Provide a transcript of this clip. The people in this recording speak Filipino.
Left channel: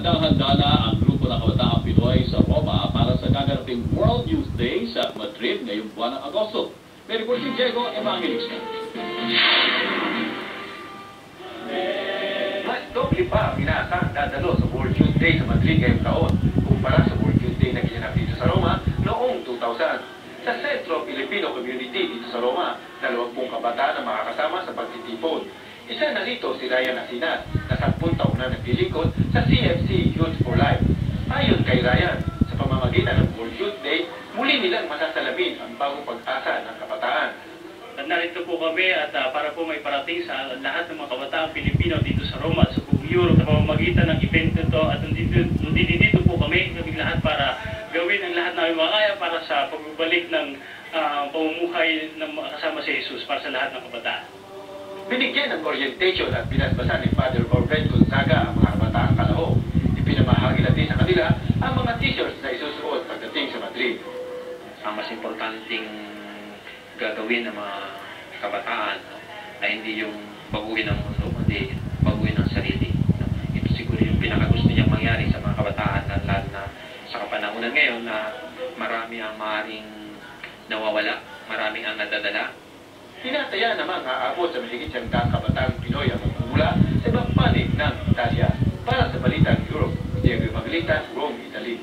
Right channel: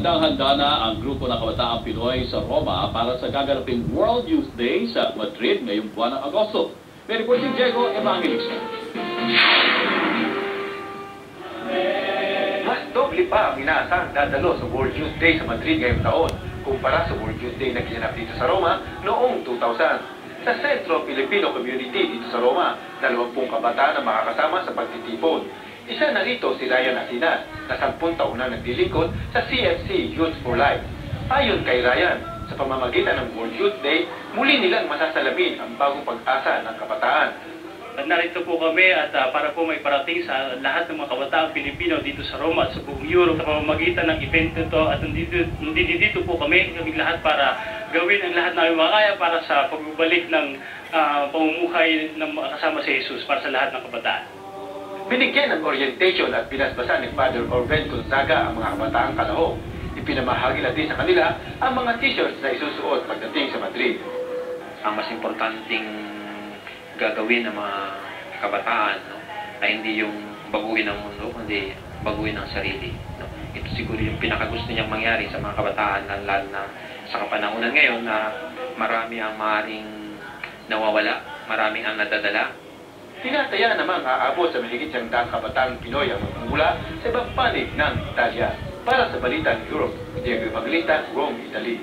handang-handa na ang grupo ng kabataang Pinoy sa Roma para sa gaganaping World Youth Day sa Madrid ngayong buwan ng Agosto. May report si Diego Evangelista. Mas doble pa ang inaasang dadalo sa World Youth Day sa Madrid ngayong taon kumpara sa World Youth Day na ginanap dito sa Roma noong 2000. Sa Centro Filipino Community dito sa Roma, 20 kabataan ang makakasama sa pagtitipon. Isa na rito si Ryan Asinas, na 10 taon na naglilingkod sa CFC Youth for Life. Ayon kay Ryan, sa pamamagitan ng World Youth Day, muli nilang masasalamin ang bagong pag-asa ng kabataan. Narito po kami at para po may parating sa lahat ng mga kabataang Pilipino dito sa Roma at sa buong Europe sa pamamagitan ng event nito at nandito po kami lahat para gawin ang lahat namin makakaya para sa pagbabalik ng pamumuhay ng kasama si Jesus para sa lahat ng kabataan. Binigyan ng orientation at binasbasan ni Father Orben Gonzaga ang mga kabataang kalahok. Ipinamahagi natin sa kanila ang mga t-shirts na isusuot pagdating sa Madrid. Ang mas importanteng gagawin ng mga kabataan, no, ay hindi yung baguhin ang mundo, kundi baguhin ang sarili. No. Ito siguro yung pinakagusto niyang mangyari sa mga kabataan, lalo na sa kapanahunan ngayon na marami ang maaaring nawawala, marami ang nadadala. Tinataya namang aabot sa mahigit 100 kabataang Pinoy ang magmumula sa ibang panig ng Italia. Para sa Balitang Europe, Diego Evangelista, Rome, Italy.